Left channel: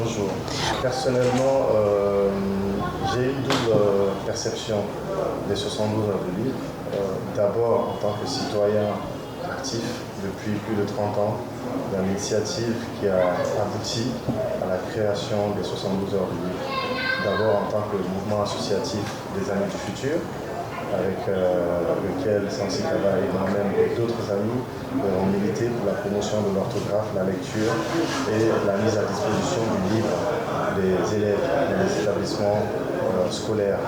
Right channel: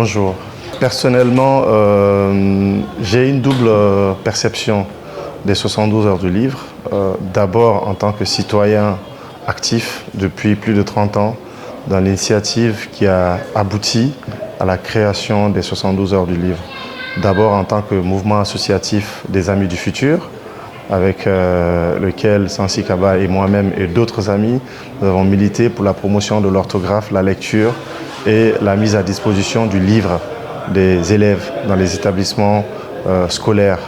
Bonjour. Personnellement, j'ai une double perception des 72 heures du livre. D'abord en tant que citoyen actif depuis plus de 30 ans dans l'initiative qui a abouti à la création des 72 heures du livre. D'abord en tant que mouvement associatif des Amis du Futur, avec lequel Sansi Kaba et moi-même et d'autres amis nous avons milité pour la promotion de l'orthographe, la lecture et la mise à disposition du livre des élèves dans les établissements scolaires.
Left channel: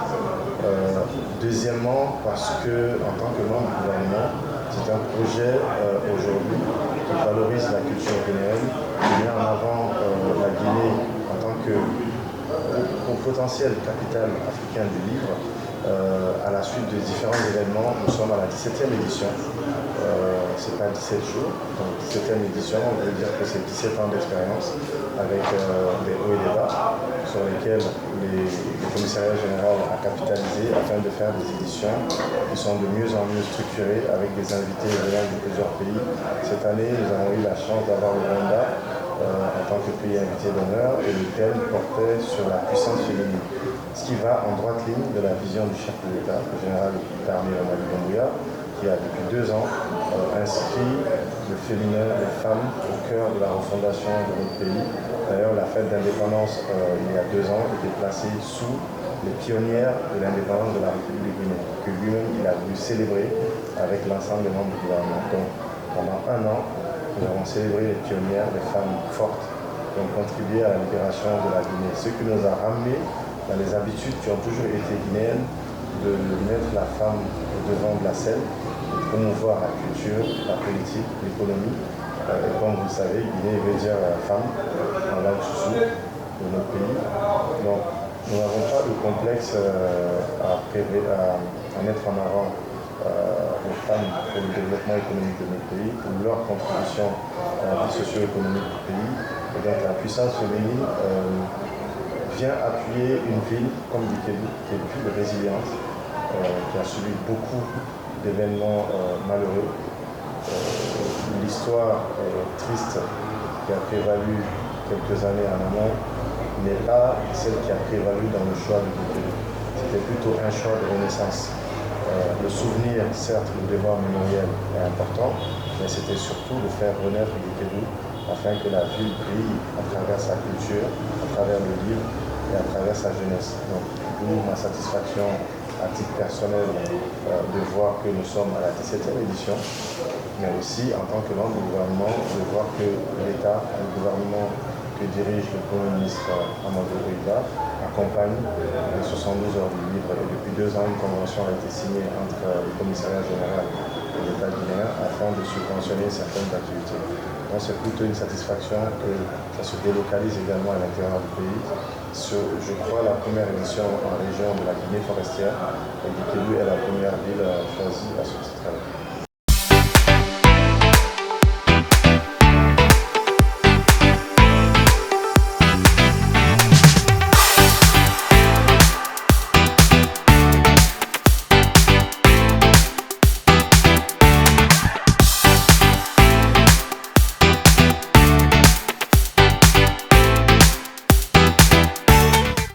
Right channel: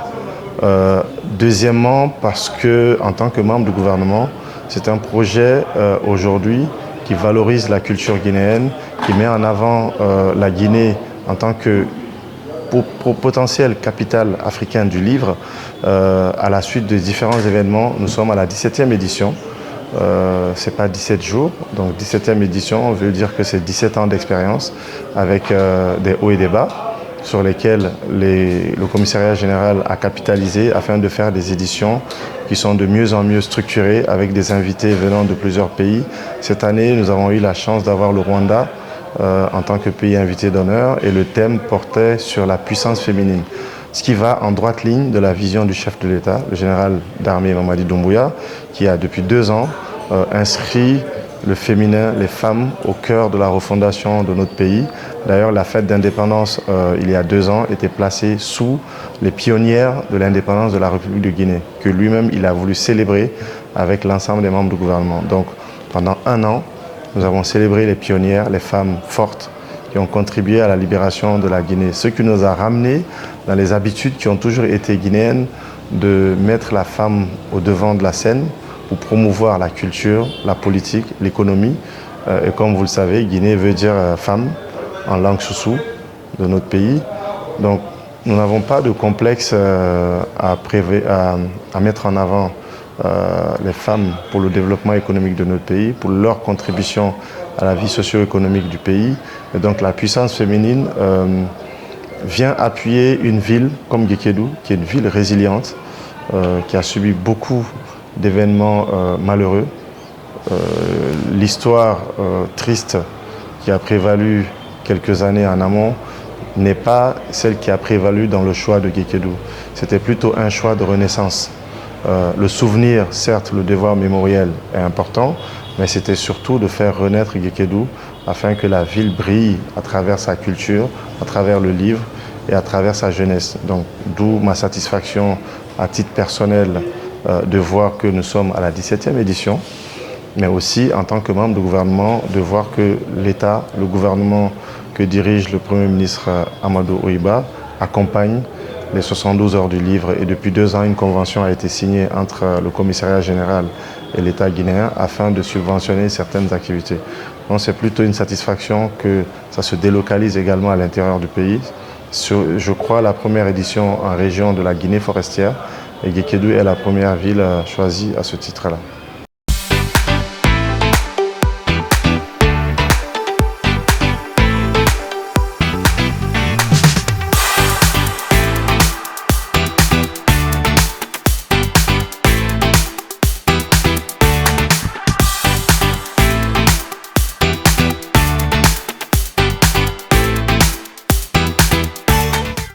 Deuxièmement, parce que en tant que membre du gouvernement, c'est un projet aujourd'hui qui valorise la culture guinéenne, qui met en avant la Guinée en tant que potentielle capitale africaine du livre. À la suite de différents événements, nous sommes à la 17e édition. Ce n'est pas 17 jours, donc 17e édition veut dire que c'est 17 ans d'expérience avec des hauts et des bas sur lesquels le commissariat général a capitalisé afin de faire des éditions qui sont de mieux en mieux structurées avec des invités venant de plusieurs pays. Cette année, nous avons eu la chance d'avoir le Rwanda en tant que pays invité d'honneur et le thème portait sur la puissance féminine. Ce qui va en droite ligne de la vision du chef de l'État, le général d'armée Mamadi Doumbouya, qui a depuis 2 ans inscrit le féminin, les femmes, au cœur de la refondation de notre pays. D'ailleurs, la fête d'indépendance, il y a 2 ans, était placée sous les pionnières de l'indépendance de la République de Guinée, que lui-même, il a voulu célébrer avec l'ensemble des membres du gouvernement. Donc, pendant 1 an, nous avons célébré les pionnières, les femmes fortes qui ont contribué à la libération de la Guinée. Ce qui nous a ramenés dans les habitudes qui ont toujours été guinéennes de mettre la femme au devant de la scène pour promouvoir la culture, la politique, l'économie. Et comme vous le savez, Guinée veut dire femme en langue soussou de notre pays. Donc nous n'avons pas de complexe à mettre en avant les femmes pour le développement économique de notre pays, pour leur contribution à la vie socio-économique du pays. Et donc la puissance féminine vient appuyer une ville comme Guékédou, qui est une ville résiliente, qui a subi beaucoup d'événements malheureux. L'histoire triste qui a prévalu quelques années en amont n'est pas celle qui a prévalu dans le choix de Guékédou. C'était plutôt un choix de renaissance. Le souvenir, certes, le devoir mémoriel est important, mais c'était surtout de faire renaître Guékédou afin que la ville brille à travers sa culture, à travers le livre et à travers sa jeunesse. Donc, d'où ma satisfaction à titre personnel de voir que nous sommes à la 17e édition, mais aussi en tant que membre du gouvernement, de voir que l'État, le gouvernement que dirige le Premier ministre Amadou Oïba, accompagne les 72 heures du livre. Et depuis 2 ans, une convention a été signée entre le commissariat général et l'État guinéen afin de subventionner certaines activités. Donc c'est plutôt une satisfaction que ça se délocalise également à l'intérieur du pays. Je crois la première édition en région de la Guinée forestière et Guékédou est la première ville choisie à ce titre-là.